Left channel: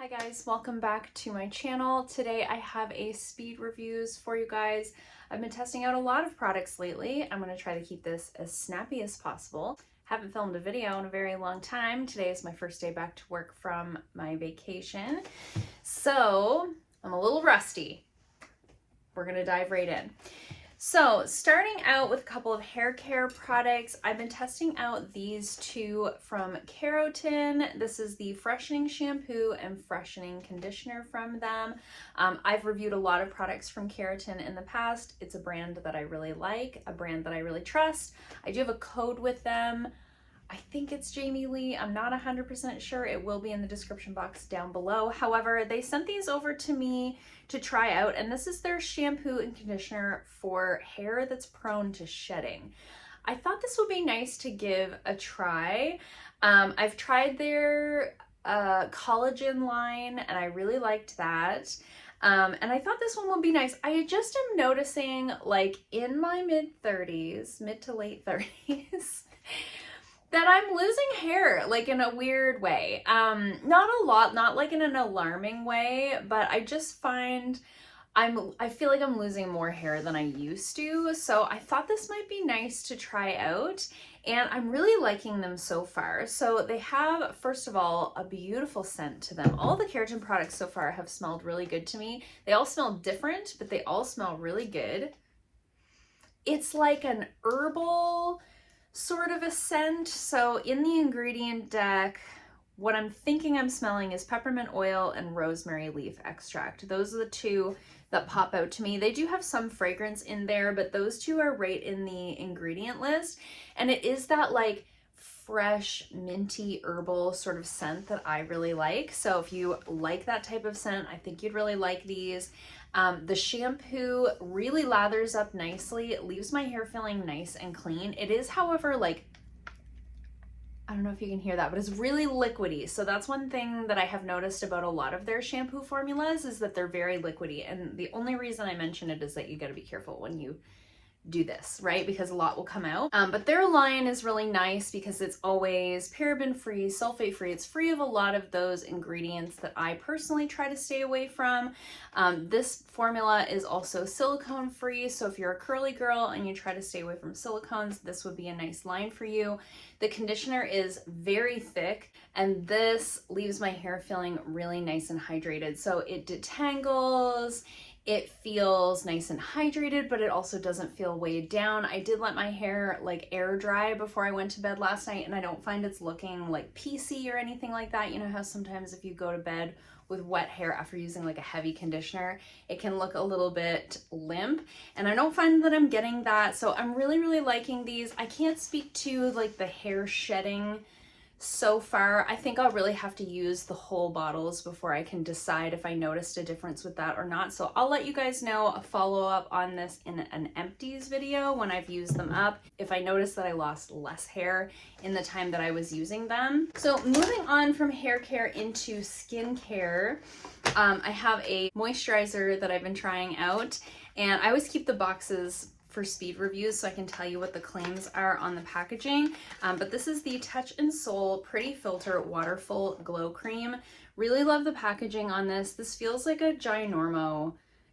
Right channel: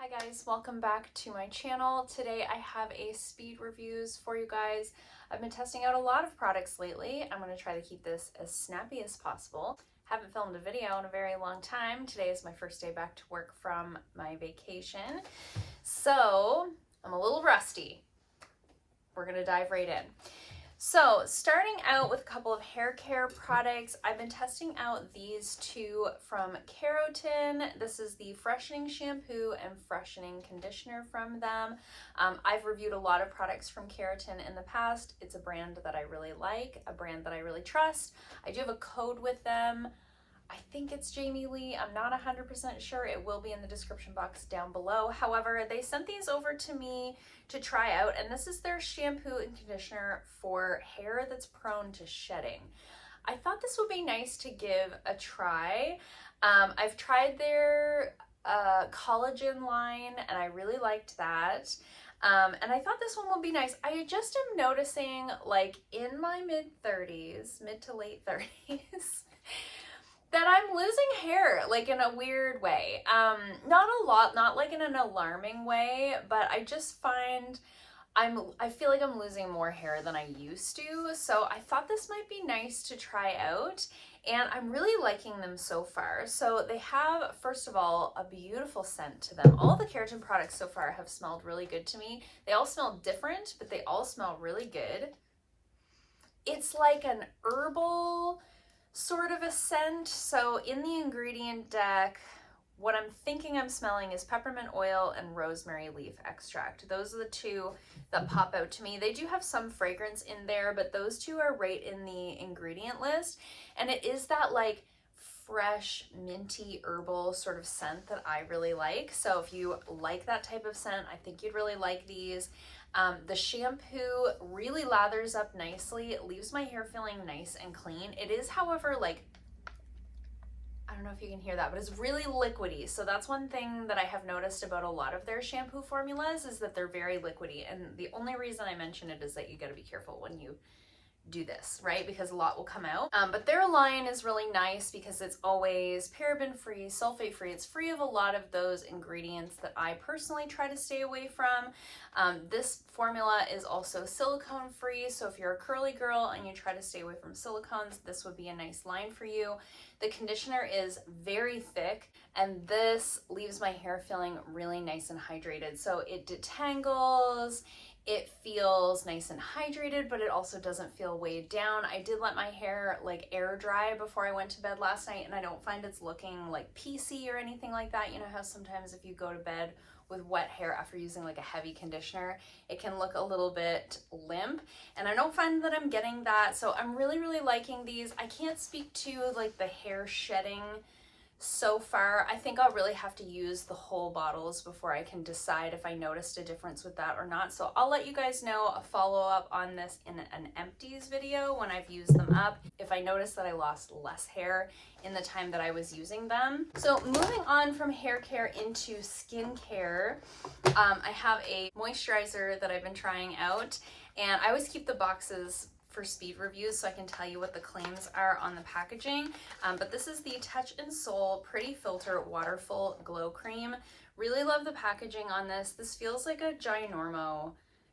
Hi guys, welcome back to my channel. Today I have a speed reviews for you guys. I've been testing out a lot of products lately. I'm going to try to keep this as snappy as possible. Haven't filmed a video in a very long time. Today is my first day back to work from my vacation, so I'm a little rusty. We're going to dive right in. So starting out with a couple of hair care products, I've been testing out these two from Keratin. This is the Freshening Shampoo and Freshening Conditioner from them. I've reviewed a lot of products from Keratin in the past. It's a brand that I really like, a brand that I really trust. I do have a code with them. I think it's Jamie Lee. I'm not 100% sure. It will be in the description box down below. However, they sent these over to me to try out, and this is their shampoo and conditioner for hair that's prone to shedding. I thought this would be nice to give a try. I've tried their collagen line, and I really liked that. And I thought this one would be nice. I just am noticing, like, in my mid-30s, mid to late 30s, that I'm losing hair, like, in a weird way. Not a lot, not like in an alarming way, but I just find I feel like I'm losing more hair than I used to. So I thought this might be nice to try out, and I'm really liking them so far. So they have, first of all, a beautiful scent to them. All the Keratin products so far have smelled really good to me. They all smell different, but they all smell really good. It's like an herbal sort of a scent. So in the ingredient deck, what I'm thinking I'm smelling is peppermint oil and rosemary leaf extract. Those are the two that pop out to me. They do have some fragrance in there, but those two are right in the ingredient list. And it is that like fresh, minty, herbal sort of scent that I really like. So if you like that type of scent, I think you'd really like these. The shampoo really lathers up nicely. It leaves my hair feeling nice and clean. It is, however, like, I don't know if you can hear that, but it's really liquidy. So that's one thing that I have noticed about a lot of their shampoo formulas is that they're very liquidy. And the only reason I mention it is that you got to be careful when you do this, right? Because a lot will come out. But their line is really nice because it's always paraben free, sulfate free. It's free of a lot of those ingredients that I personally try to stay away from. This formula is also silicone free. So if you're a curly girl and you try to stay away from silicones, this would be a nice line for you. The conditioner is very thick, and this leaves my hair feeling really nice and hydrated. So it detangles. It feels nice and hydrated, but it also doesn't feel weighed down. I did let my hair like air dry before I went to bed last night, and I don't find it's looking like piecey or anything like that. You know how sometimes if you go to bed with wet hair after using like a heavy conditioner, it can look a little bit limp, and I don't find that I'm getting that. So I'm really, really liking these. I can't speak to like the hair shedding so far. I think I'll really have to use the whole bottles before I can decide if I noticed a difference with that or not. So I'll let you guys know a follow-up on this in an empties video when I've used them up, if I notice that I lost less hair in the time that I was using them. So moving on from hair care into skincare, I have a moisturizer that I've been trying out, and I always keep the boxes for speed reviews so I can tell you what the claims are on the packaging. But this is the Touch and Soul Pretty Filter Waterful Glow Cream. Really love the packaging on this. This feels like a ginormo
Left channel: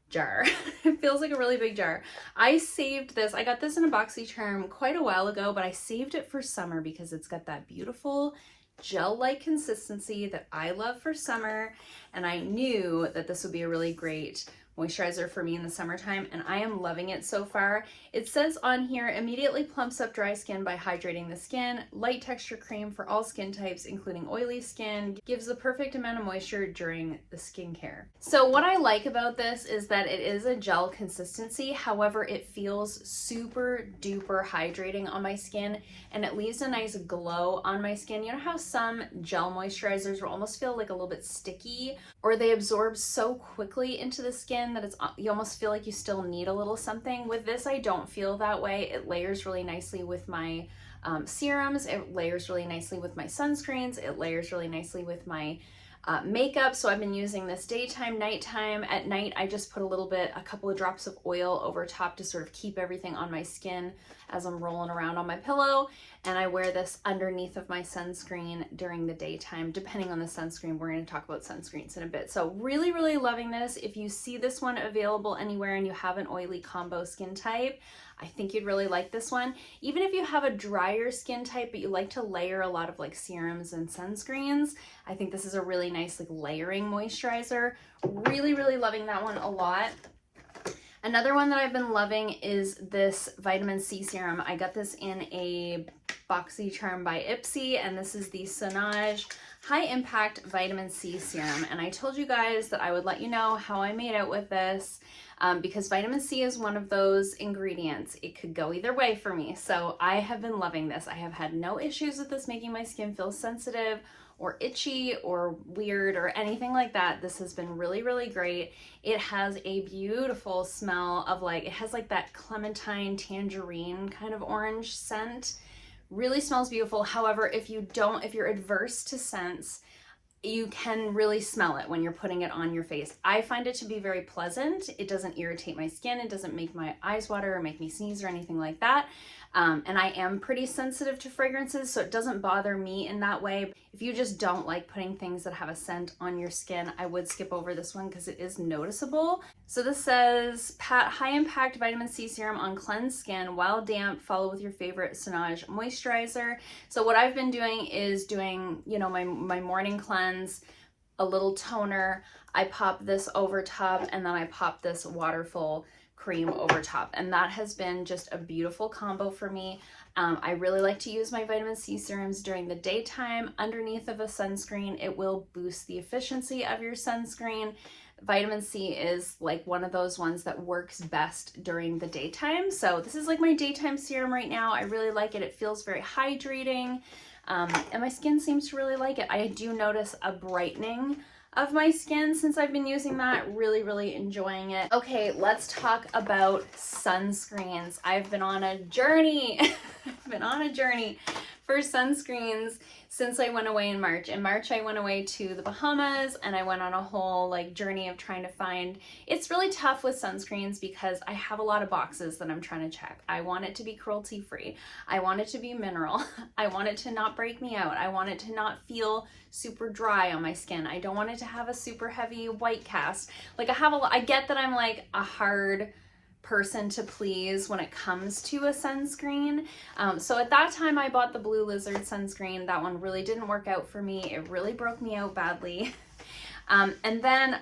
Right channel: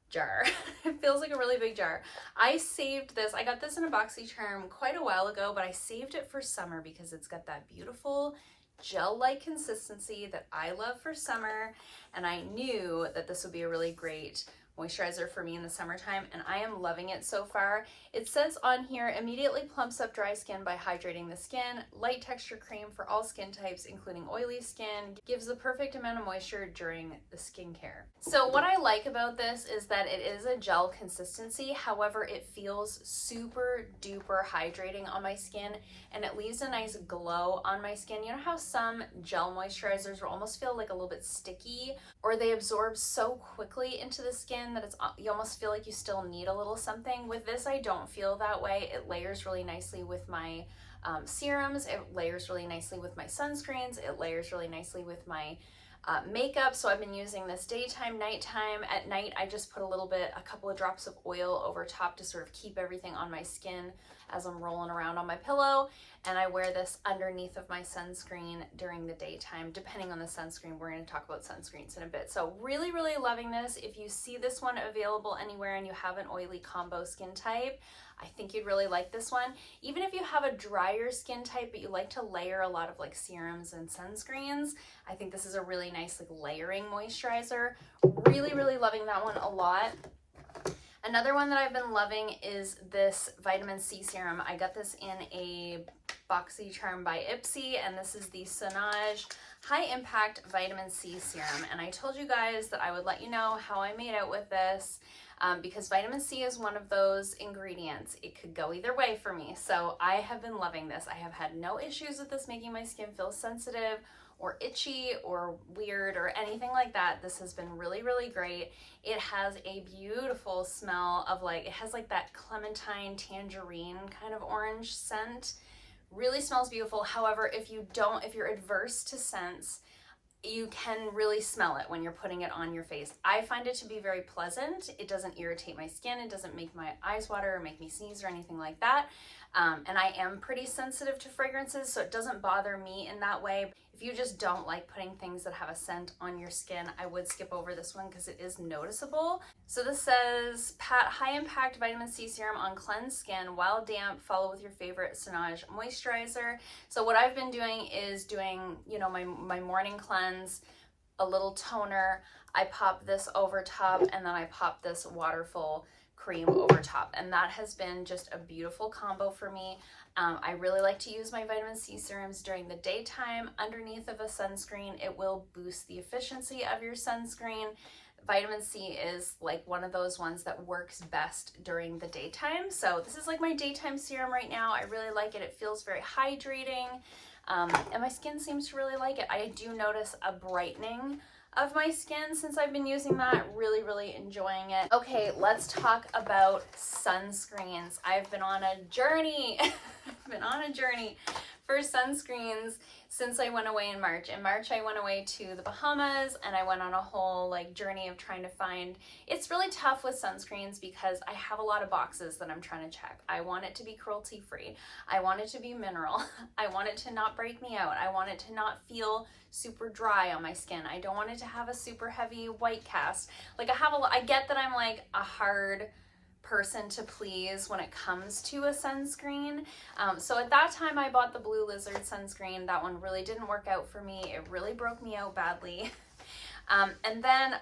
jar. It feels like a really big jar. I saved this. I got this in a BoxyCharm quite a while ago, but I saved it for summer because it's got that beautiful gel-like consistency that I love for summer, and I knew that this would be a really great moisturizer for me in the summertime, and I am loving it so far. It says on here, immediately plumps up dry skin by hydrating the skin. Light texture cream for all skin types, including oily skin. Gives the perfect amount of moisture during the skincare. So what I like about this is that it is a gel consistency. However, it feels super duper hydrating on my skin, and it leaves a nice glow on my skin. You know how some gel moisturizers will almost feel like a little bit sticky, or they absorb so quickly into the skin that you almost feel like you still need a little something. With this, I don't feel that way. It layers really nicely with my serums. It layers really nicely with my sunscreens. It layers really nicely with my makeup. So I've been using this daytime, nighttime. At night, I just put a couple of drops of oil over top to sort of keep everything on my skin as I'm rolling around on my pillow. And I wear this underneath of my sunscreen during the daytime, depending on the sunscreen. We're going to talk about sunscreens in a bit. So really, really loving this. If you see this one available anywhere and you have an oily combo skin type, I think you'd really like this one. Even if you have a drier skin type, but you like to layer a lot of like serums and sunscreens, I think this is a really nice like layering moisturizer. Really, really loving that one a lot. Another one that I've been loving is this vitamin C serum. I got this in a BoxyCharm by Ipsy, and this is the Sonage High Impact Vitamin C Serum. And I told you guys that I would let you know how I made out with this because vitamin C is one of those ingredients. It could go either way for me. So I have been loving this. I have had no issues with this making my skin feel sensitive or itchy or weird or anything like that. This has been really, really great. It has a beautiful smell of like, it has like that clementine tangerine kind of orange scent. Really smells beautiful. However, if you're adverse to scents, you can really smell it when you're putting it on your face. I find it to be very pleasant. It doesn't irritate my skin. It doesn't make my eyes water or make me sneeze or anything like that. And I am pretty sensitive to fragrances, so it doesn't bother me in that way. If you just don't like putting things that have a scent on your skin, I would skip over this one because it is noticeable. So this says, pat high impact vitamin C serum on cleansed skin while damp, follow with your favorite Sonage moisturizer. So what I've been doing is doing, you know, my morning cleanse, a little toner, I pop this over top, and then I pop this Waterful cream over top, and that has been just a beautiful combo for me. I really like to use my vitamin C serums during the daytime underneath of a sunscreen. It will boost the efficiency of your sunscreen. Vitamin C is like one of those ones that works best during the daytime. So this is like my daytime serum right now. I really like it. It feels very hydrating, and my skin seems to really like it. I do notice a brightening of my skin since I've been using that. Really, really enjoying it. Okay, let's talk about sunscreens. I've been on a journey. I've been on a journey for sunscreens since I went away in March. In March, I went away to the Bahamas, and I went on a whole like journey of trying to find. It's really tough with sunscreens because I have a lot of boxes that I'm trying to check. I want it to be cruelty free. I want it to be mineral. I want it to not break me out. I want it to not feel super dry on my skin. I don't want it to have a super heavy white cast. Like I get that I'm like a hard person to please when it comes to a sunscreen. So at that time I bought the Blue Lizard sunscreen. That one really didn't work out for me. It really broke me out badly. And then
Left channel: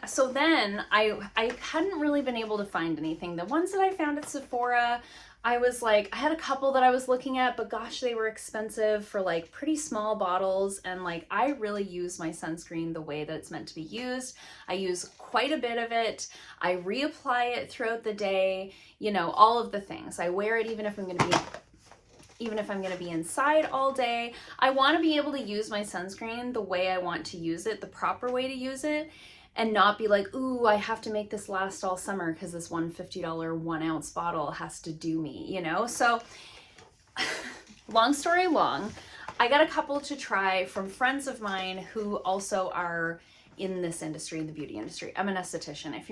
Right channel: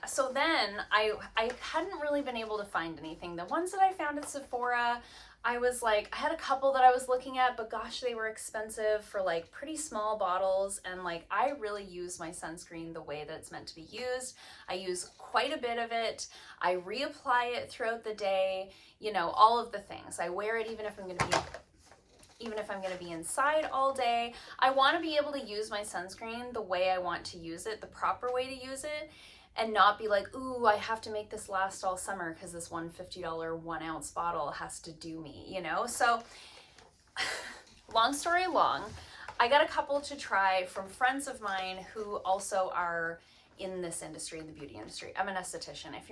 I hadn't really been able to find anything. The ones that I found at Sephora, I was like, I had a couple that I was looking at, but gosh, they were expensive for like pretty small bottles. And like, I really use my sunscreen the way that it's meant to be used. I use quite a bit of it. I reapply it throughout the day, you know, all of the things. I wear it even if I'm going to be inside all day. I want to be able to use my sunscreen the way I want to use it, the proper way to use it, and not be like, ooh, I have to make this last all summer because this $150 1 ounce bottle has to do me, you know? So long story long, I got a couple to try from friends of mine who also are in this industry, the beauty industry. I'm an esthetician. If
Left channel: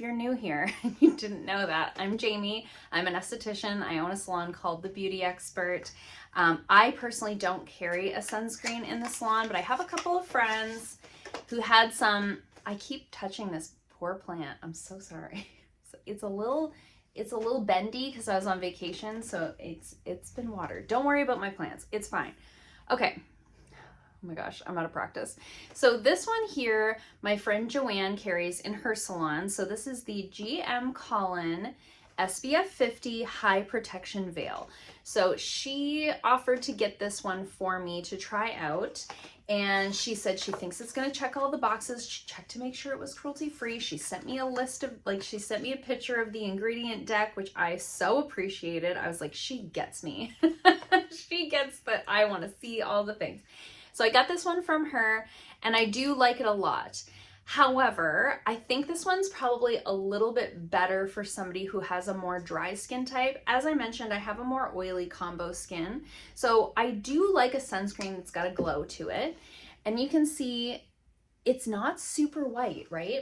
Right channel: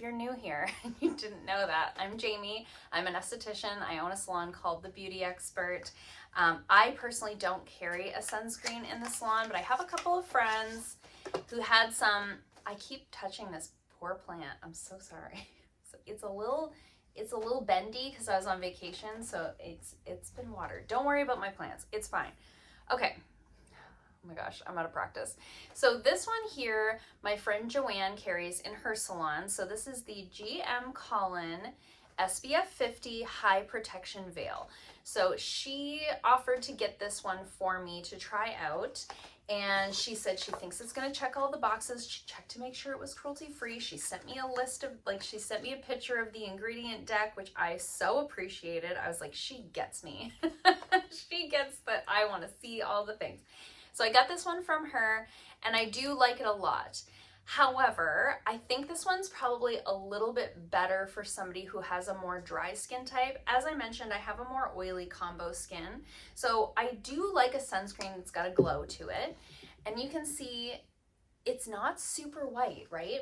you're new here and you didn't know that, I'm Jamie. I'm an esthetician. I own a salon called The Beauty Expert. I personally don't carry a sunscreen in the salon, but I have a couple of friends who had some. I keep touching this poor plant. I'm so sorry. It's a little bendy because I was on vacation, so it's been watered. Don't worry about my plants. It's fine. Okay. Oh my gosh, I'm out of practice. So this one here, my friend Joanne carries in her salon. So this is the GM Collin SPF 50 High Protection Veil. So she offered to get this one for me to try out. And she said she thinks it's going to check all the boxes. She checked to make sure it was cruelty free. She sent me a list of, like, she sent me a picture of the ingredient deck, which I so appreciated. I was like, she gets me. She gets that I want to see all the things. So I got this one from her, and I do like it a lot. However, I think this one's probably a little bit better for somebody who has a more dry skin type. As I mentioned, I have a more oily combo skin. So I do like a sunscreen that's got a glow to it. And you can see it's not super white, right?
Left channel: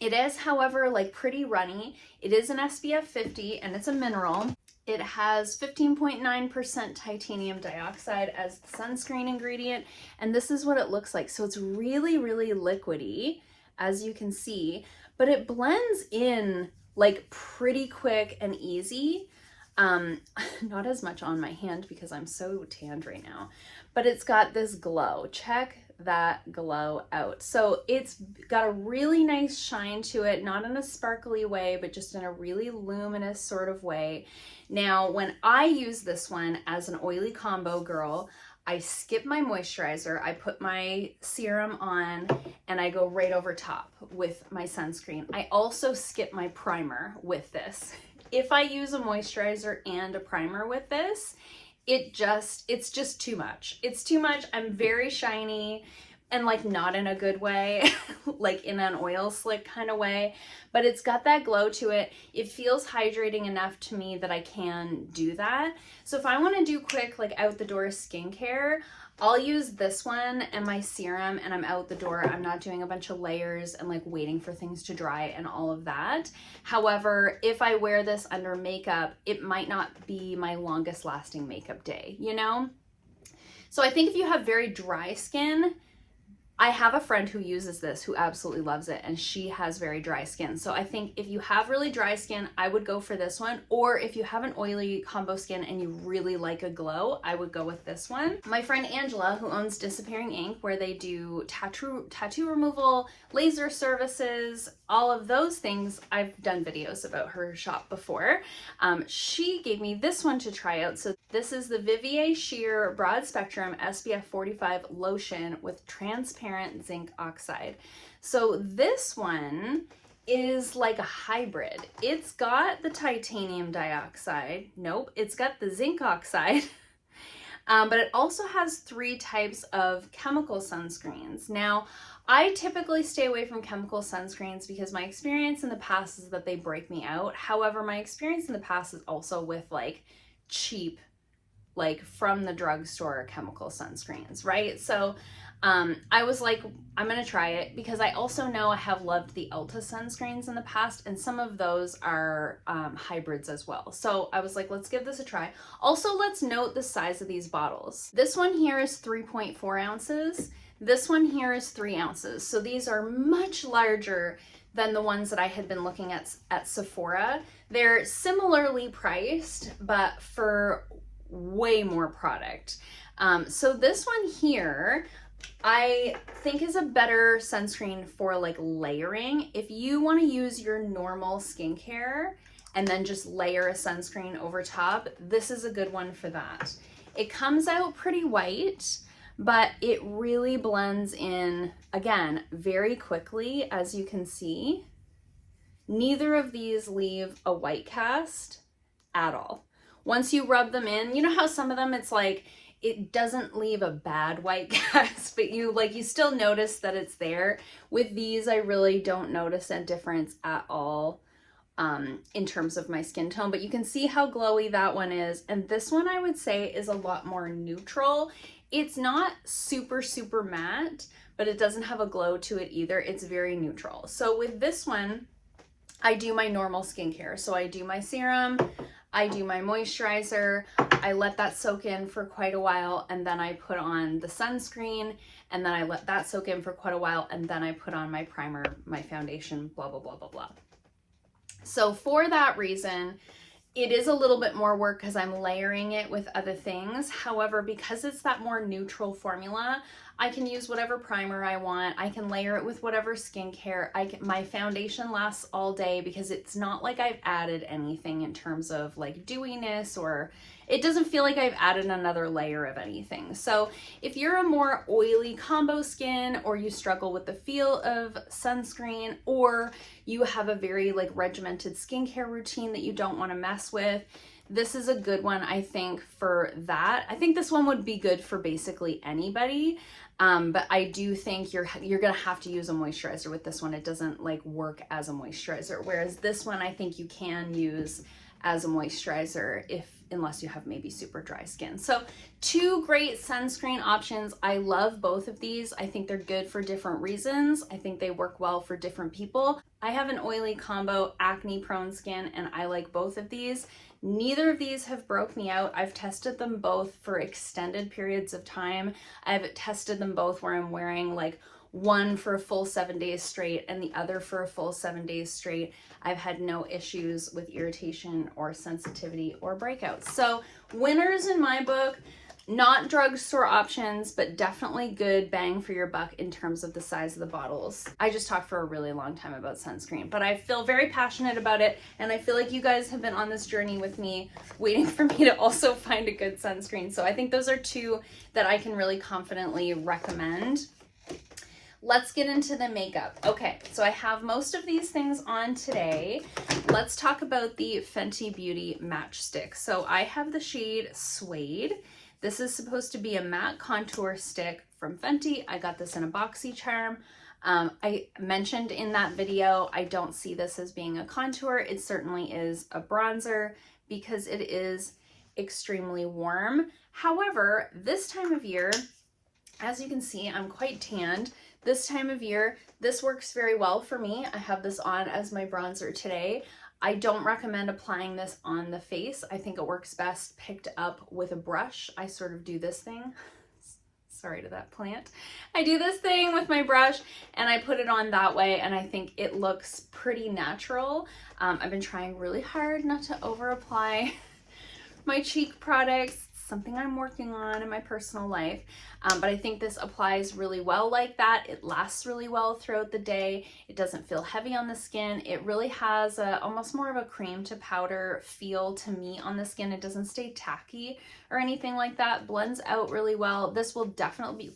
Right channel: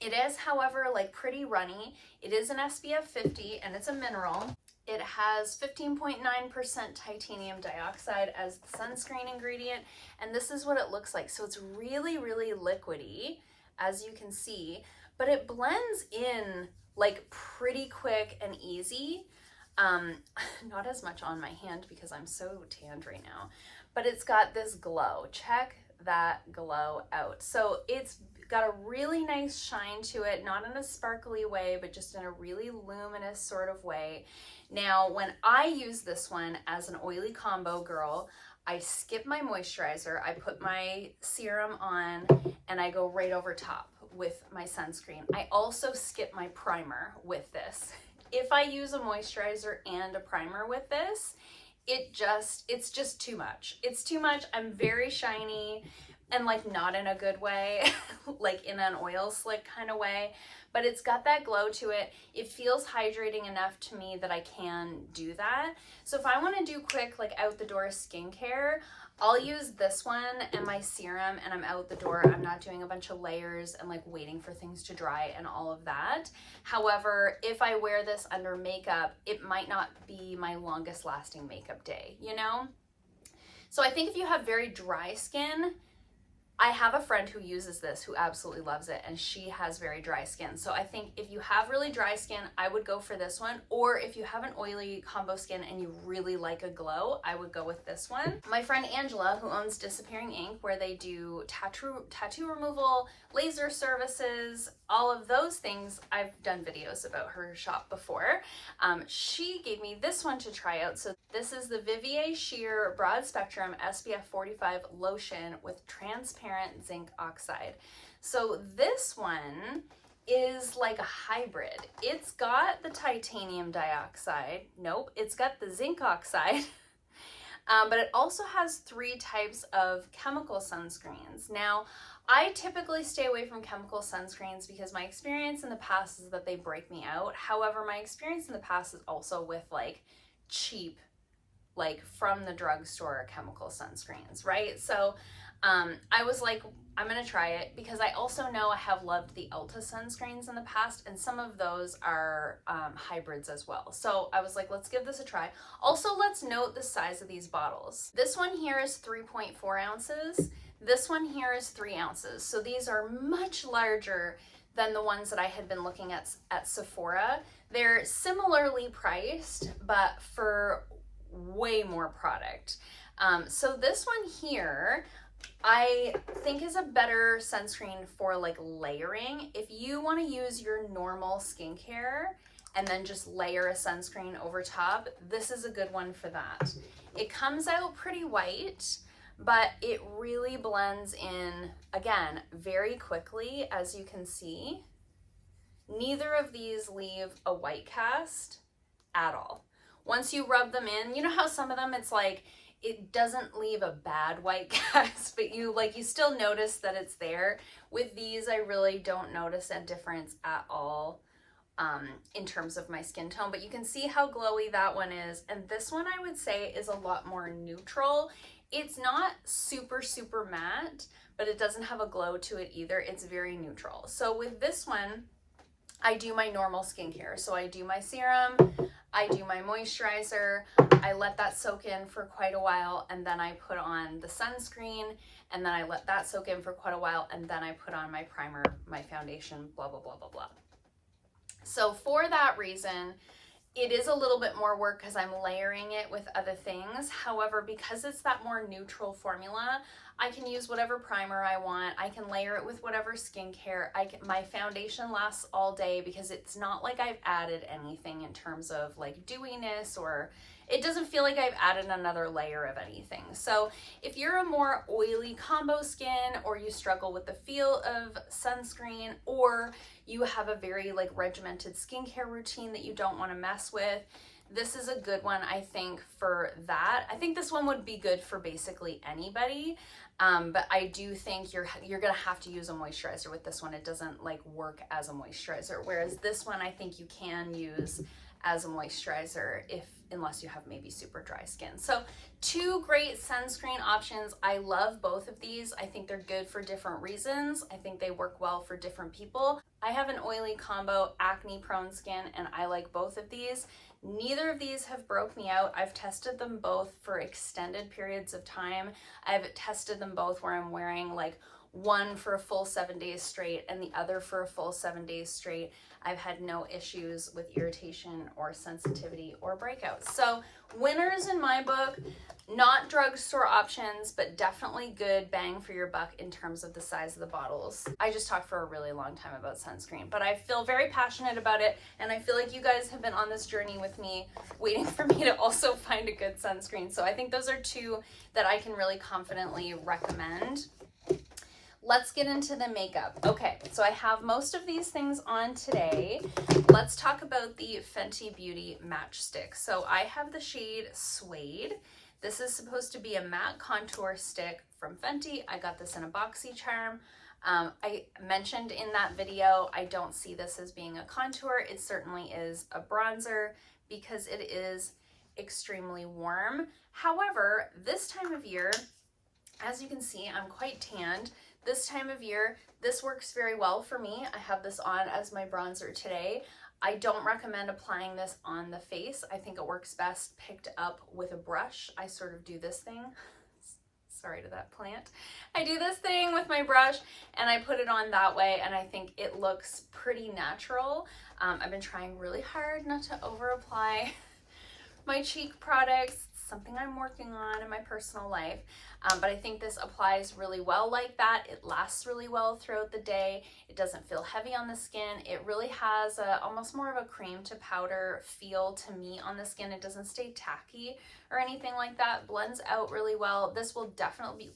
It is, however, like pretty runny. It is an SPF 50 and it's a mineral. It has 15.9% titanium dioxide as the sunscreen ingredient, and this is what it looks like. So it's really, really liquidy, as you can see, but it blends in like pretty quick and easy. Not as much on my hand because I'm so tanned right now, but it's got this glow. Check that glow out. So it's got a really nice shine to it, not in a sparkly way, but just in a really luminous sort of way. Now, when I use this one as an oily combo girl, I skip my moisturizer, I put my serum on, and I go right over top with my sunscreen. I also skip my primer with this. If I use a moisturizer and a primer with this, it's just too much. It's too much. I'm very shiny and like not in a good way, like in an oil slick kind of way, but it's got that glow to it. It feels hydrating enough to me that I can do that. So if I want to do quick, like out the door skincare, I'll use this one and my serum and I'm out the door. I'm not doing a bunch of layers and like waiting for things to dry and all of that. However, if I wear this under makeup, it might not be my longest lasting makeup day, you know? So I think if you have very dry skin, I have a friend who uses this who absolutely loves it, and she has very dry skin. So I think if you have really dry skin, I would go for this one. Or if you have an oily combo skin and you really like a glow, I would go with this one. My friend Angela, who owns Disappearing Ink, where they do tattoo removal, laser services, all of those things, I've done videos about her shop before. She gave me this one to try out. So this is the Vivier Sheer Broad Spectrum SPF 45 Lotion with transparent zinc oxide. So this one is like a hybrid. It's got the titanium dioxide. Nope, it's got the zinc oxide. But it also has 3 types of chemical sunscreens. Now, I typically stay away from chemical sunscreens because my experience in the past is that they break me out. However, my experience in the past is also with like cheap, like from the drugstore chemical sunscreens, right? So I was like, I'm gonna try it because I also know I have loved the Ulta sunscreens in the past, and some of those are hybrids as well. So I was like, let's give this a try. Also, let's note the size of these bottles. This one here is 3.4 ounces. This one here is 3 ounces. So these are much larger than the ones that I had been looking at Sephora. They're similarly priced, but for way more product. So this one here, I think is a better sunscreen for like layering. If you want to use your normal skincare and then just layer a sunscreen over top, this is a good one for that. It comes out pretty white, but it really blends in, again, very quickly, as you can see. Neither of these leave a white cast at all. Once you rub them in, you know how some of them it's like, it doesn't leave a bad white cast, but you still notice that it's there. With these, I really don't notice a difference at all in terms of my skin tone, but you can see how glowy that one is. And this one I would say is a lot more neutral. It's not super, super matte, but it doesn't have a glow to it either. It's very neutral. So with this one, I do my normal skincare. So I do my serum, I do my moisturizer, I let that soak in for quite a while, and then I put on the sunscreen, and then I let that soak in for quite a while, and then I put on my primer, my foundation, blah, blah, blah, blah, blah. So for that reason, it is a little bit more work because I'm layering it with other things. However, because it's that more neutral formula, I can use whatever primer I want. I can layer it with whatever skincare. My foundation lasts all day because it's not like I've added anything in terms of like dewiness, or it doesn't feel like I've added another layer of anything. So if you're a more oily combo skin, or you struggle with the feel of sunscreen, or you have a very like regimented skincare routine that you don't want to mess with, this is a good one, I think, for that. I think this one would be good for basically anybody, but I do think you're gonna have to use a moisturizer with this one. It doesn't like work as a moisturizer, whereas this one I think you can use as a moisturizer unless you have maybe super dry skin. So 2 great sunscreen options. I love both of these. I think they're good for different reasons. I think they work well for different people. I have an oily combo, acne prone skin, and I like both of these. Neither of these have broke me out. I've tested them both for extended periods of time. I've tested them both where I'm wearing like one for a full 7 days straight and the other for a full 7 days straight. I've had no issues with irritation or sensitivity or breakouts. So winners in my book, not drugstore options, but definitely good bang for your buck in terms of the size of the bottles. I just talked for a really long time about sunscreen, but I feel very passionate about it, and I feel like you guys have been on this journey with me, waiting for me to also find a good sunscreen. So I think those are 2 that I can really confidently recommend. Let's get into the makeup. Okay, so I have most of these things on today. Let's talk about the Fenty Beauty Matchstick. So I have the shade Suede. This is supposed to be a matte contour stick from Fenty. I got this in a boxy charm. I mentioned in that video, I don't see this as being a contour. It certainly is a bronzer because it is extremely warm. However, this time of year, as you can see, I'm quite tanned. This time of year, this works very well for me. I have this on as my bronzer today. I don't recommend applying this on the face. I think it works best picked up with a brush. I sort of do this thing. Sorry to that plant. I do this thing with my brush and I put it on that way, and I think it looks pretty natural. I've been trying really hard not to over apply my cheek products. Something I'm working on in my personal life, but I think this applies really well like that. It lasts really well throughout the day. It doesn't feel heavy on the skin. It really has almost more of a cream to powder feel to me on the skin. It doesn't stay tacky or anything like that. Blends out really well. This will definitely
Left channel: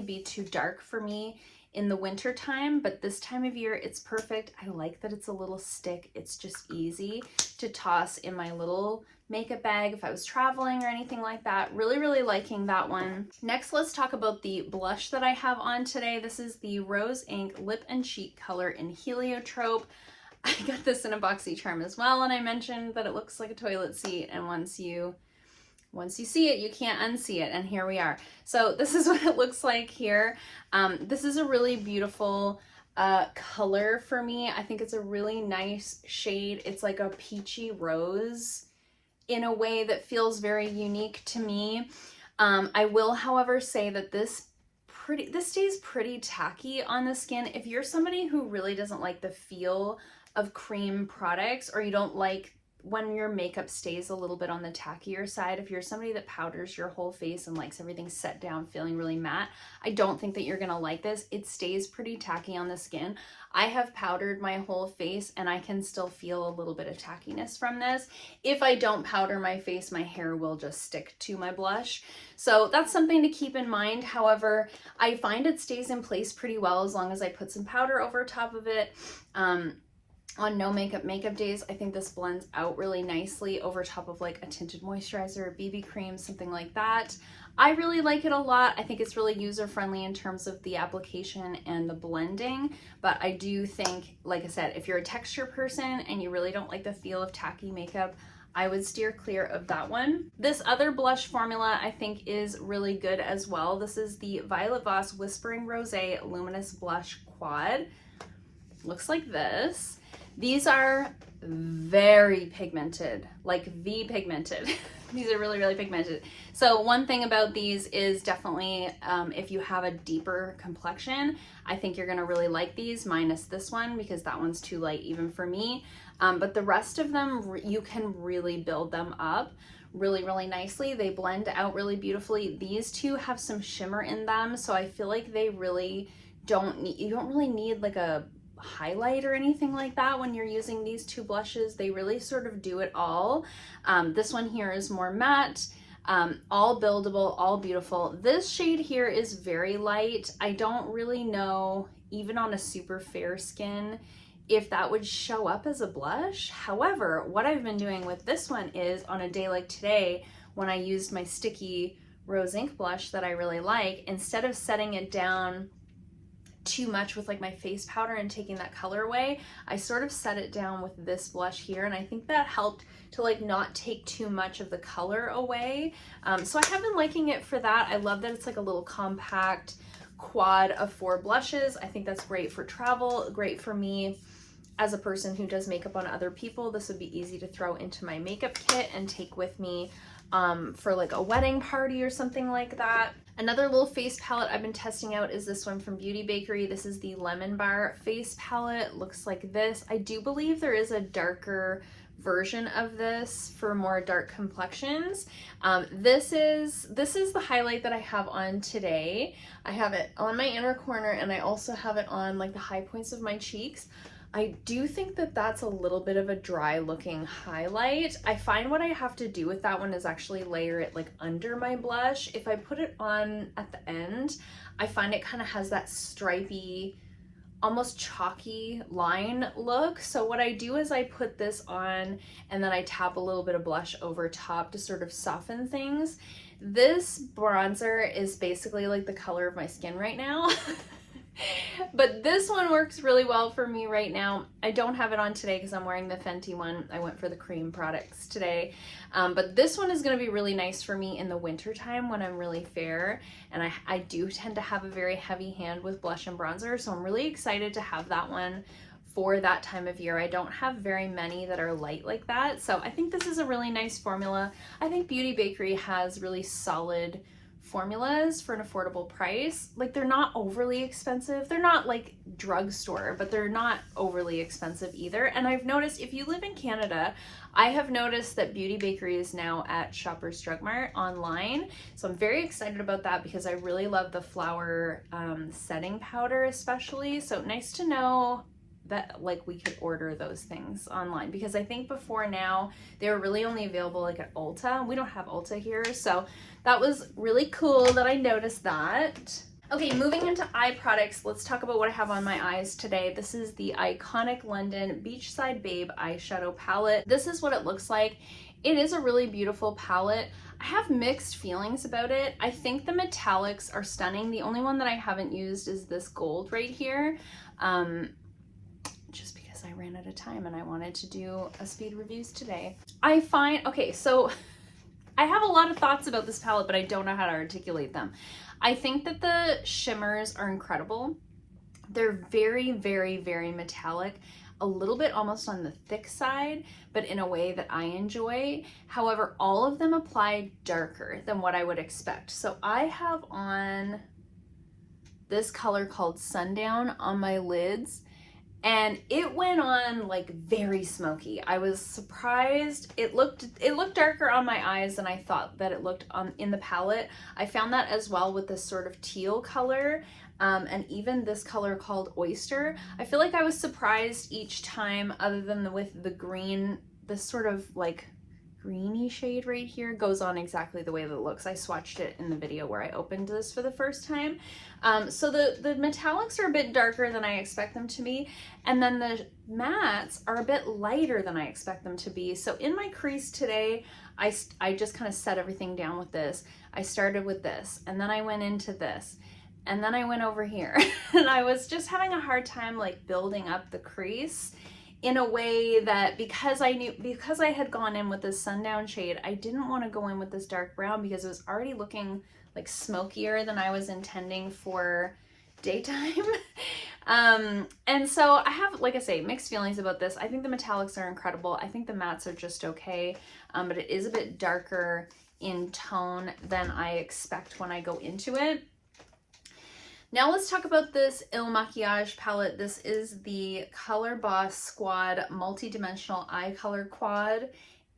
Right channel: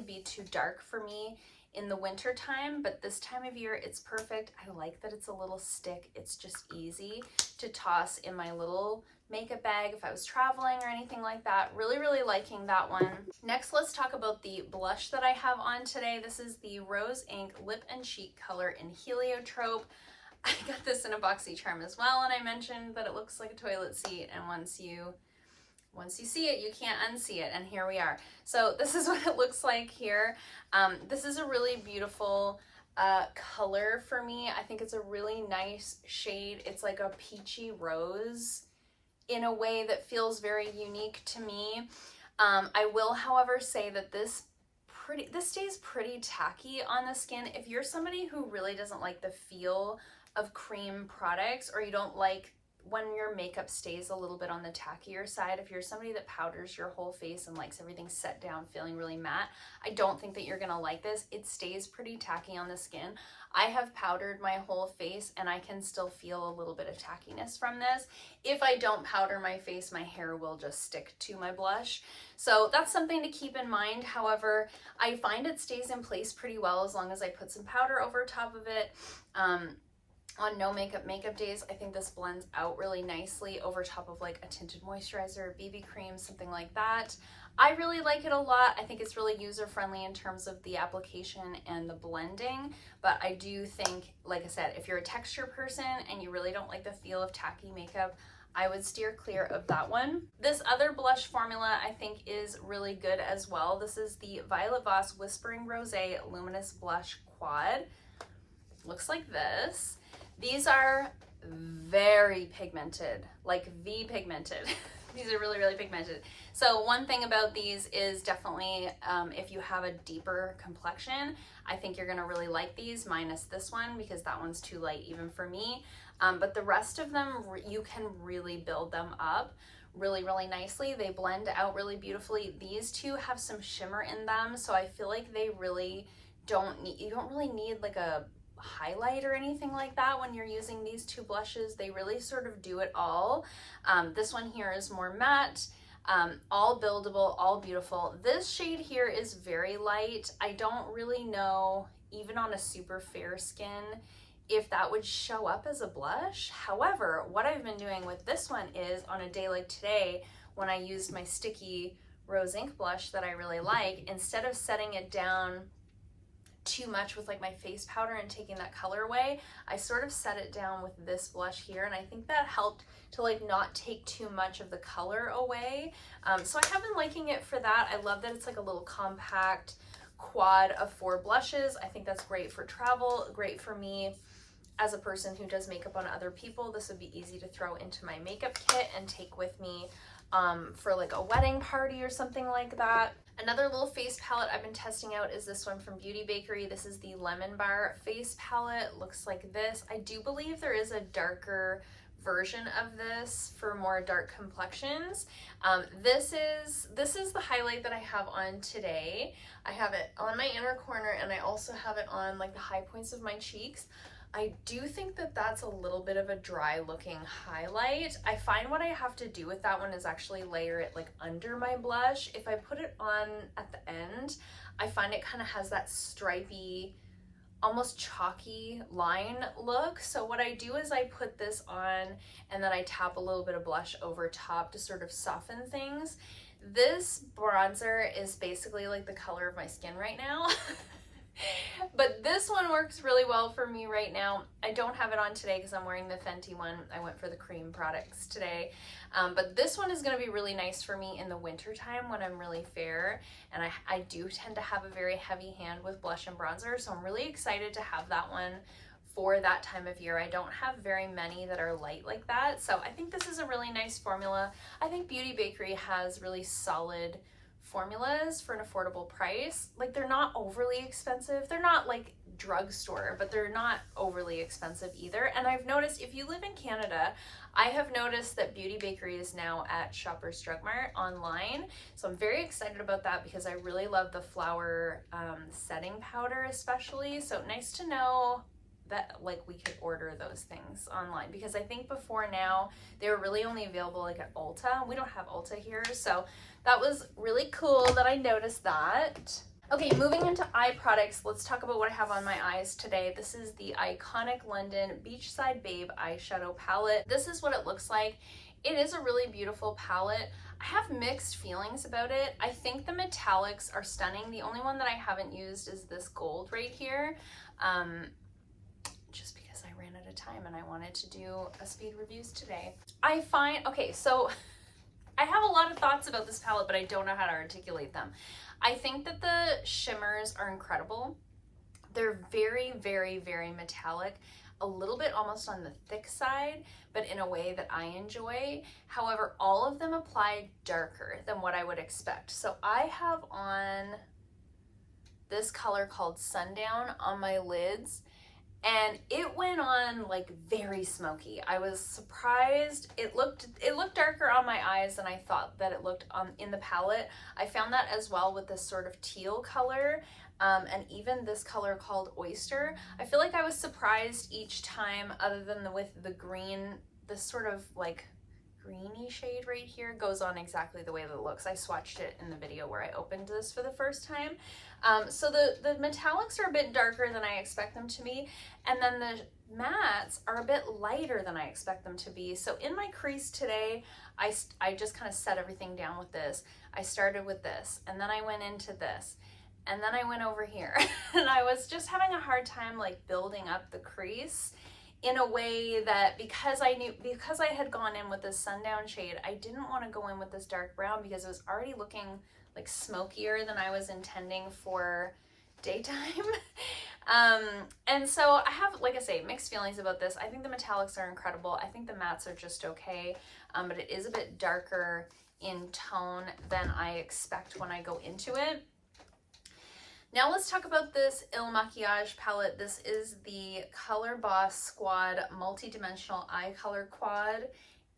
be too dark for me in the winter time, but this time of year it's perfect. I like that it's a little stick. It's just easy to toss in my little makeup bag if I was traveling or anything like that. Really liking that one. Next, let's talk about the blush that I have on today. This is the Rose Ink Lip and Cheek color in Heliotrope. I got this in a boxy charm as well, and I mentioned that it looks like a toilet seat, and once you see it, you can't unsee it, and here we are. So this is what it looks like here. This is a really beautiful color for me. I think it's a really nice shade. It's like a peachy rose in a way that feels very unique to me. I will, however, say that this stays pretty tacky on the skin. If you're somebody who really doesn't like the feel of cream products, or you don't like when your makeup stays a little bit on the tackier side, if you're somebody that powders your whole face and likes everything set down feeling really matte, I don't think that you're gonna like this. It stays pretty tacky on the skin. I have powdered my whole face and I can still feel a little bit of tackiness from this. If I don't powder my face, my hair will just stick to my blush. So that's something to keep in mind. However, I find it stays in place pretty well as long as I put some powder over top of it. On no makeup days, I think this blends out really nicely over top of like a tinted moisturizer, BB cream, something like that. I really like it a lot. I think it's really user-friendly in terms of the application and the blending, but I do think, like I said, if you're a texture person and you really don't like the feel of tacky makeup, I would steer clear of that one. This other blush formula I think is really good as well. This is the Violet Voss Whispering Rosé Luminous Blush Quad. Looks like this. These are very pigmented, like V-pigmented. These are really pigmented. So one thing about these is definitely if you have a deeper complexion, I think you're gonna really like these, minus this one because that one's too light even for me. But the rest of them, you can really build them up really nicely. They blend out really beautifully. These two have some shimmer in them, so I feel like they really don't need, you don't really need like a highlight or anything like that when you're using these two blushes. They really sort of do it all. This one here is more matte, all buildable, all beautiful. This shade here is very light. I don't really know, even on a super fair skin, if that would show up as a blush. However, what I've been doing with this one is on a day like today, when I used my sticky rose ink blush that I really like, instead of setting it down too much with like my face powder and taking that color away, I sort of set it down with this blush here, and I think that helped to like not take too much of the color away. So I have been liking it for that. I love that it's like a little compact quad of 4 blushes. I think that's great for travel, great for me as a person who does makeup on other people. This would be easy to throw into my makeup kit and take with me for like a wedding party or something like that. Another little face palette I've been testing out is this one from Bakerie. This is the Lemon Bar face palette. Looks like this. I do believe there is a darker version of this for more dark complexions. This is the highlight that I have on today. I have it on my inner corner and I also have it on like the high points of my cheeks. I do think that that's a little bit of a dry looking highlight. I find what I have to do with that one is actually layer it like under my blush. If I put it on at the end, I find it kind of has that stripy, almost chalky line look. So what I do is I put this on and then I tap a little bit of blush over top to sort of soften things. This bronzer is basically like the color of my skin right now. But this one works really well for me right now. I don't have it on today because I'm wearing the Fenty one. I went for the cream products today. But this one is going to be really nice for me in the winter time when I'm really fair. And I do tend to have a very heavy hand with blush and bronzer. So I'm really excited to have that one for that time of year. I don't have very many that are light like that. So I think this is a really nice formula. I think Bakerie has really solid formulas for an affordable price. Like, they're not overly expensive. They're not like drugstore, but they're not overly expensive either. And I've noticed if you live in Canada, I have noticed that Bakerie is now at Shoppers Drug Mart online. So I'm very excited about that because I really love the flower setting powder especially. So nice to know that like we could order those things online, because I think before now they were really only available like at Ulta. We don't have Ulta here, so that was really cool that I noticed that. Okay, moving into eye products, let's talk about what I have on my eyes today. This is the Iconic London Beachside Babe eyeshadow palette. This is what it looks like. It is a really beautiful palette. I have mixed feelings about it. I think the metallics are stunning. The only one that I haven't used is this gold right here. Just because I ran out of time and I wanted to do a speed reviews today. I find, okay, so I have a lot of thoughts about this palette, but I don't know how to articulate them. I think that the shimmers are incredible. They're very, very, very metallic, a little bit almost on the thick side, but in a way that I enjoy. However, all of them apply darker than what I would expect. So I have on this color called Sundown on my lids, and it went on like very smoky. I was surprised. It looked darker on my eyes than I thought that it looked in the palette. I found that as well with this sort of teal color, and even this color called Oyster. I feel like I was surprised each time, other than with the green, this sort of like greeny shade right here goes on exactly the way that it looks. I swatched it in the video where I opened this for the first time. So the metallics are a bit darker than I expect them to be, and then the mattes are a bit lighter than I expect them to be. So in my crease today, I just kind of set everything down with this. I started with this, and then I went into this, and then I went over here. And I was just having a hard time like building up the crease in a way that, because I had gone in with this Sundown shade, I didn't want to go in with this dark brown because it was already looking like smokier than I was intending for daytime. And so I have, like I say, mixed feelings about this. I think the metallics are incredible. I think the mattes are just okay, but it is a bit darker in tone than I expect when I go into it. Now let's talk about this Il Makiage palette. This is the Color Boss Squad Multi-Dimensional Eye Color Quad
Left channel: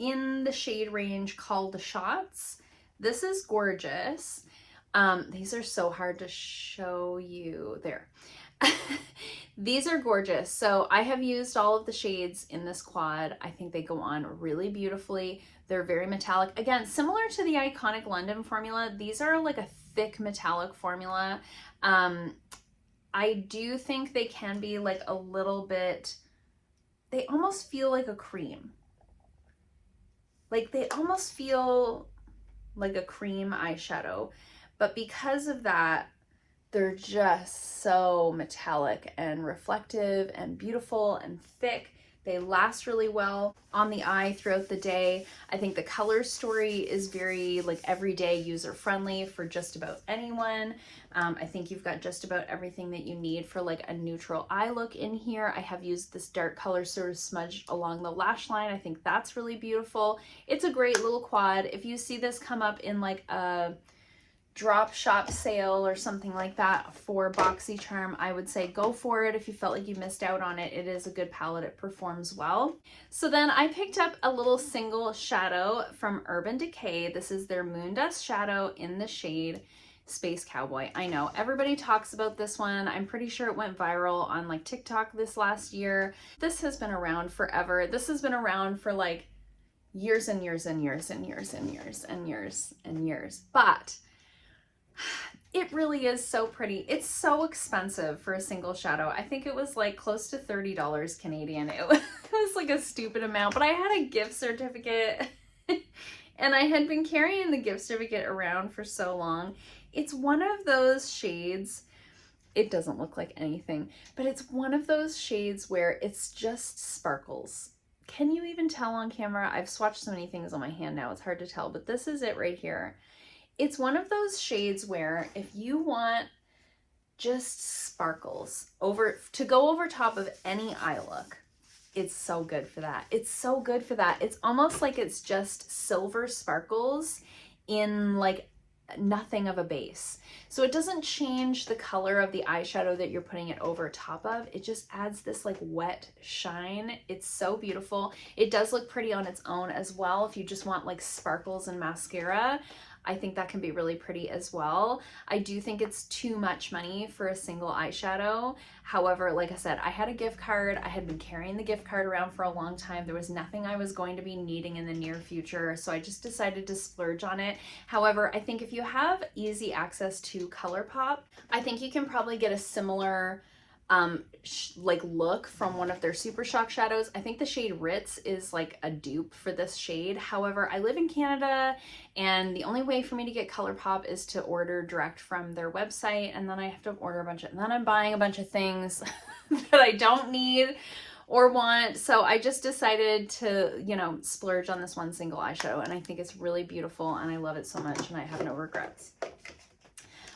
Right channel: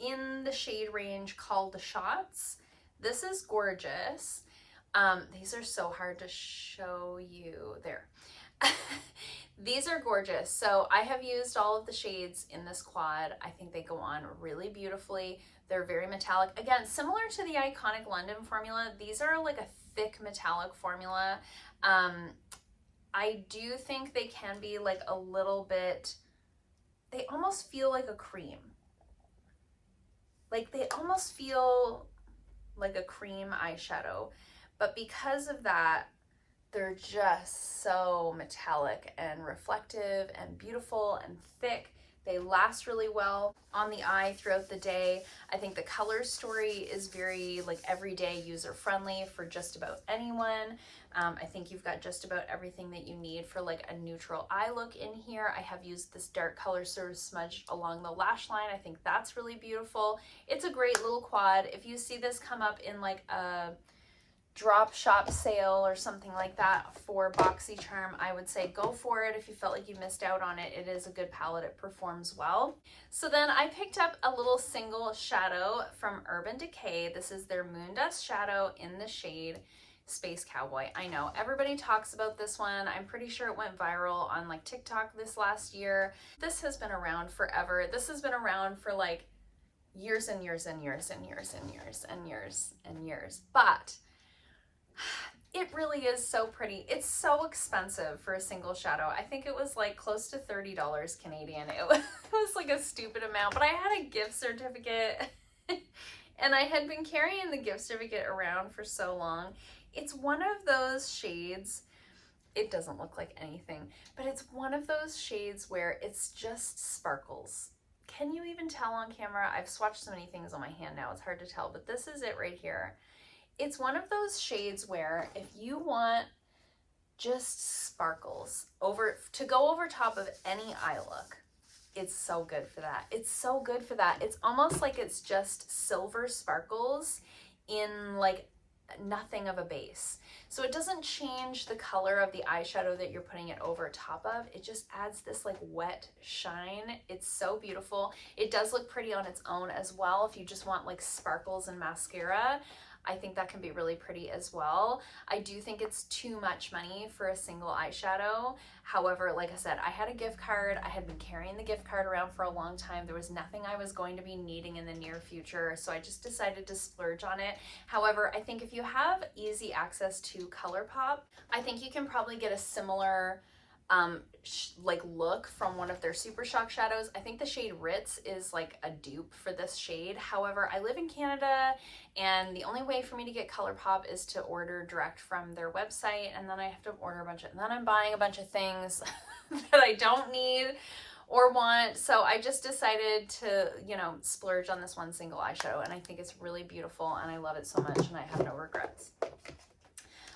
in the shade range called the Shots. This is gorgeous. These are so hard to show you. There. These are gorgeous. So I have used all of the shades in this quad. I think they go on really beautifully. They're very metallic. Again, similar to the Iconic London formula, these are like a thick metallic formula. I do think they can be like a little bit, they almost feel like a cream. Like they almost feel like a cream eyeshadow, but because of that, they're just so metallic and reflective and beautiful and thick. They last really well on the eye throughout the day. I think the color story is very like everyday user friendly for just about anyone. I think you've got just about everything that you need for like a neutral eye look in here. I have used this dark color sort of smudged along the lash line. I think that's really beautiful. It's a great little quad. If you see this come up in like a drop shop sale or something like that for BoxyCharm, I would say go for it. If you felt like you missed out on it, it is a good palette. It performs well. So then I picked up a little single shadow from Urban Decay. This is their Moondust shadow in the shade Space Cowboy. I know everybody talks about this one. I'm pretty sure it went viral on like TikTok this last year. This has been around forever. This has been around for like years and years and years and years and years and years and years. But it really is so pretty. It's so expensive for a single shadow. I think it was like close to $30 Canadian. It was like a stupid amount, but I had a gift certificate and I had been carrying the gift certificate around for so long. It's one of those shades, it doesn't look like anything, but it's one of those shades where it's just sparkles. Can you even tell on camera? I've swatched so many things on my hand now, it's hard to tell, but this is it right here. It's one of those shades where if you want just sparkles to go over top of any eye look, it's so good for that. It's so good for that. It's almost like it's just silver sparkles in like nothing of a base. So it doesn't change the color of the eyeshadow that you're putting it over top of. It just adds this like wet shine. It's so beautiful. It does look pretty on its own as well. If you just want like sparkles and mascara, I think that can be really pretty as well. I do think it's too much money for a single eyeshadow. However, like I said, I had a gift card. I had been carrying the gift card around for a long time. There was nothing I was going to be needing in the near future, so I just decided to splurge on it. However, I think if you have easy access to ColourPop, I think you can probably get a similar like look from one of their Super Shock shadows. I think the shade Ritz is like a dupe for this shade. However, I live in Canada and the only way for me to get ColourPop is to order direct from their website, and then I have to order a bunch of, and then I'm buying a bunch of things that I don't need or want. So I just decided to, you know, splurge on this one single eyeshadow, and I think it's really beautiful and I love it so much and I have no regrets.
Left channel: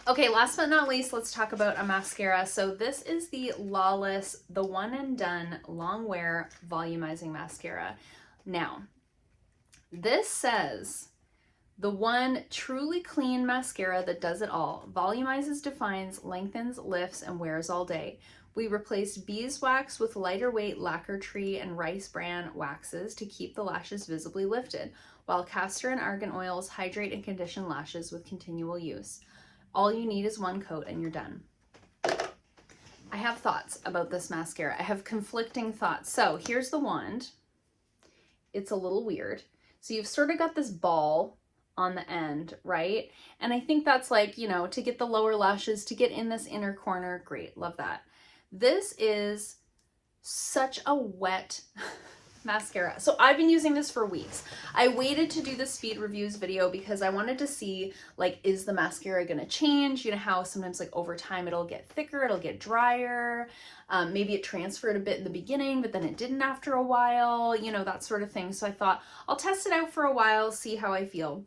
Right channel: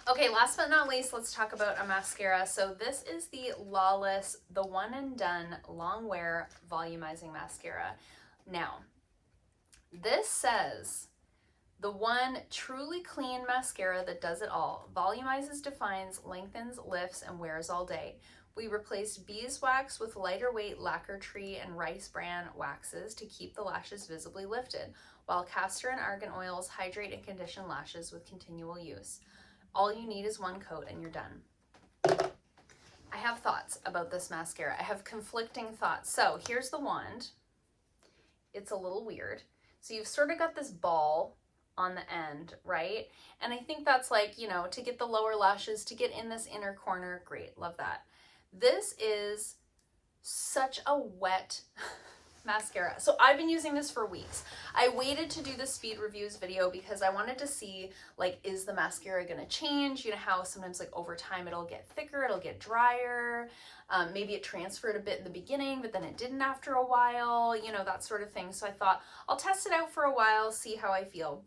Okay, last but not least, let's talk about a mascara. So this is the Lawless, the One and Done Long Wear Volumizing Mascara. Now, this says, the one truly clean mascara that does it all. Volumizes, defines, lengthens, lifts, and wears all day. We replaced beeswax with lighter weight lacquer tree and rice bran waxes to keep the lashes visibly lifted, while castor and argan oils hydrate and condition lashes with continual use. All you need is one coat and you're done. I have thoughts about this mascara. I have conflicting thoughts. So here's the wand. It's a little weird. So you've sort of got this ball on the end, right? And I think that's like, you know, to get the lower lashes, to get in this inner corner. Great, love that. This is such a wet mascara. So I've been using this for weeks. I waited to do the speed reviews video because I wanted to see, like, is the mascara gonna change? You know how sometimes like over time it'll get thicker, it'll get drier. Maybe it transferred a bit in the beginning, but then it didn't after a while, you know, that sort of thing. So I thought I'll test it out for a while, see how I feel.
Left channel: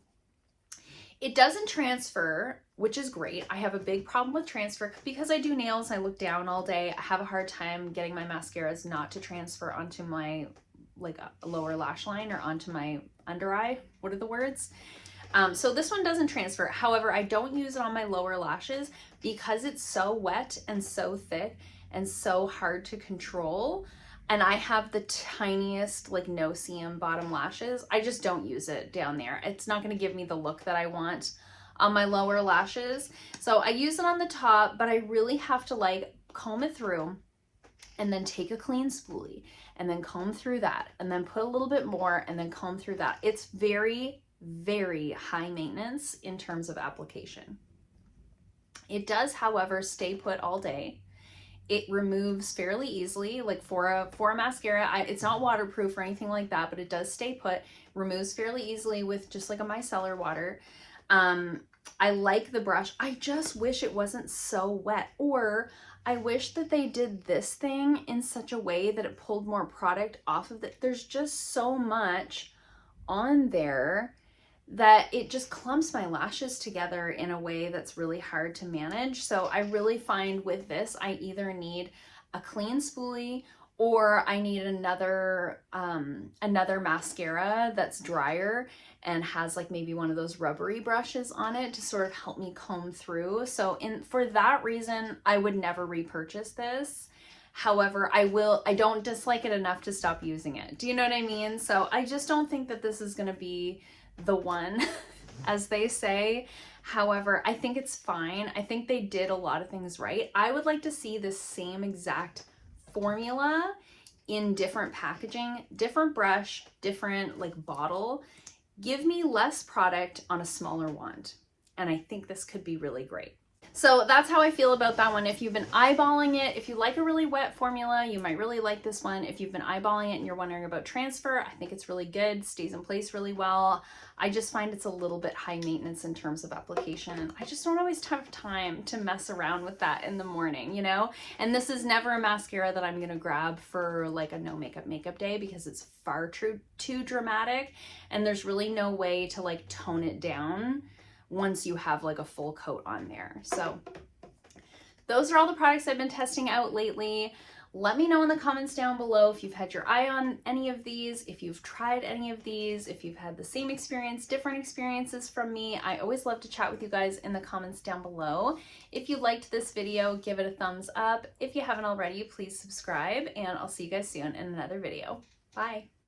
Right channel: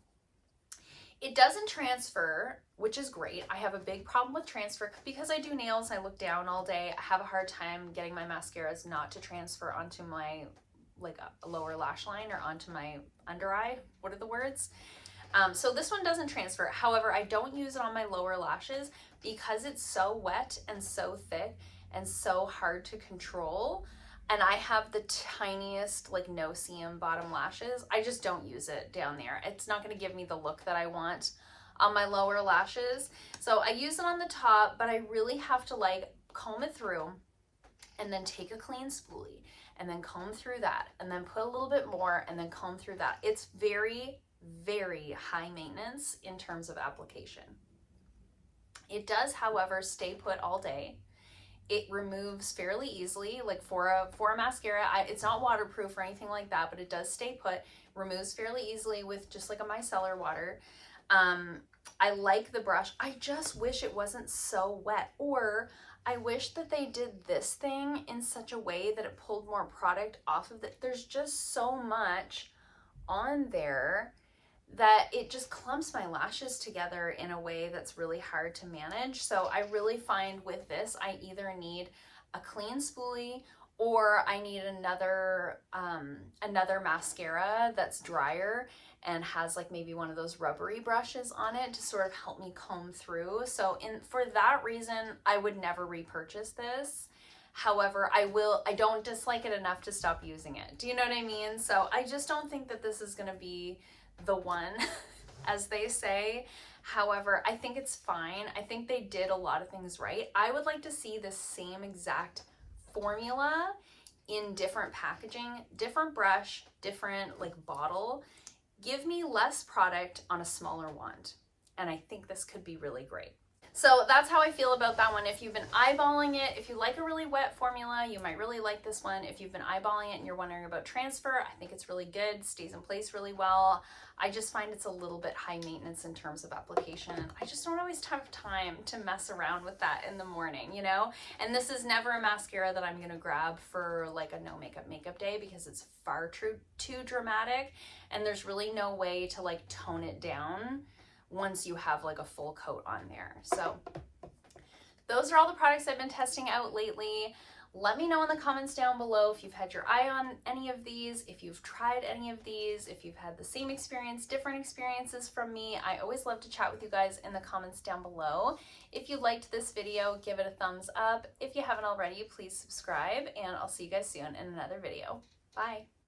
It doesn't transfer, which is great. I have a big problem with transfer because I do nails, I look down all day. I have a hard time getting my mascaras not to transfer onto my like a lower lash line or onto my under eye. What are the words? So this one doesn't transfer. However, I don't use it on my lower lashes because it's so wet and so thick and so hard to control. And I have the tiniest like no seam bottom lashes. I just don't use it down there. It's not going to give me the look that I want on my lower lashes. So I use it on the top, but I really have to like comb it through and then take a clean spoolie and then comb through that and then put a little bit more and then comb through that. It's very, very high maintenance in terms of application. It does, however, stay put all day. It removes fairly easily, like for a mascara. It's not waterproof or anything like that, but it does stay put, removes fairly easily with just like a micellar water. I like the brush. I just wish it wasn't so wet, or I wish that they did this thing in such a way that it pulled more product off of it. There's just so much on there that it just clumps my lashes together in a way that's really hard to manage. So I really find with this, I either need a clean spoolie or I need another mascara that's drier and has like maybe one of those rubbery brushes on it to sort of help me comb through. So for that reason, I would never repurchase this. However, I don't dislike it enough to stop using it. Do you know what I mean? So I just don't think that this is gonna be the one, as they say. However, I think it's fine. I think they did a lot of things right. I would like to see this same exact formula in different packaging, different brush, different like bottle. Give me less product on a smaller wand. And I think this could be really great. So that's how I feel about that one. If you've been eyeballing it, if you like a really wet formula, you might really like this one. If you've been eyeballing it and you're wondering about transfer, I think it's really good, stays in place really well. I just find it's a little bit high maintenance in terms of application. I just don't always have time to mess around with that in the morning, you know? And this is never a mascara that I'm gonna grab for like a no makeup day because it's far too dramatic, and there's really no way to like tone it down once you have like a full coat on there. So those are all the products I've been testing out lately. Let me know in the comments down below if you've had your eye on any of these, if you've tried any of these, if you've had the same experience, different experiences from me. I always love to chat with you guys in the comments down below. If you liked this video, give it a thumbs up. If you haven't already, please subscribe, and I'll see you guys soon in another video. Bye.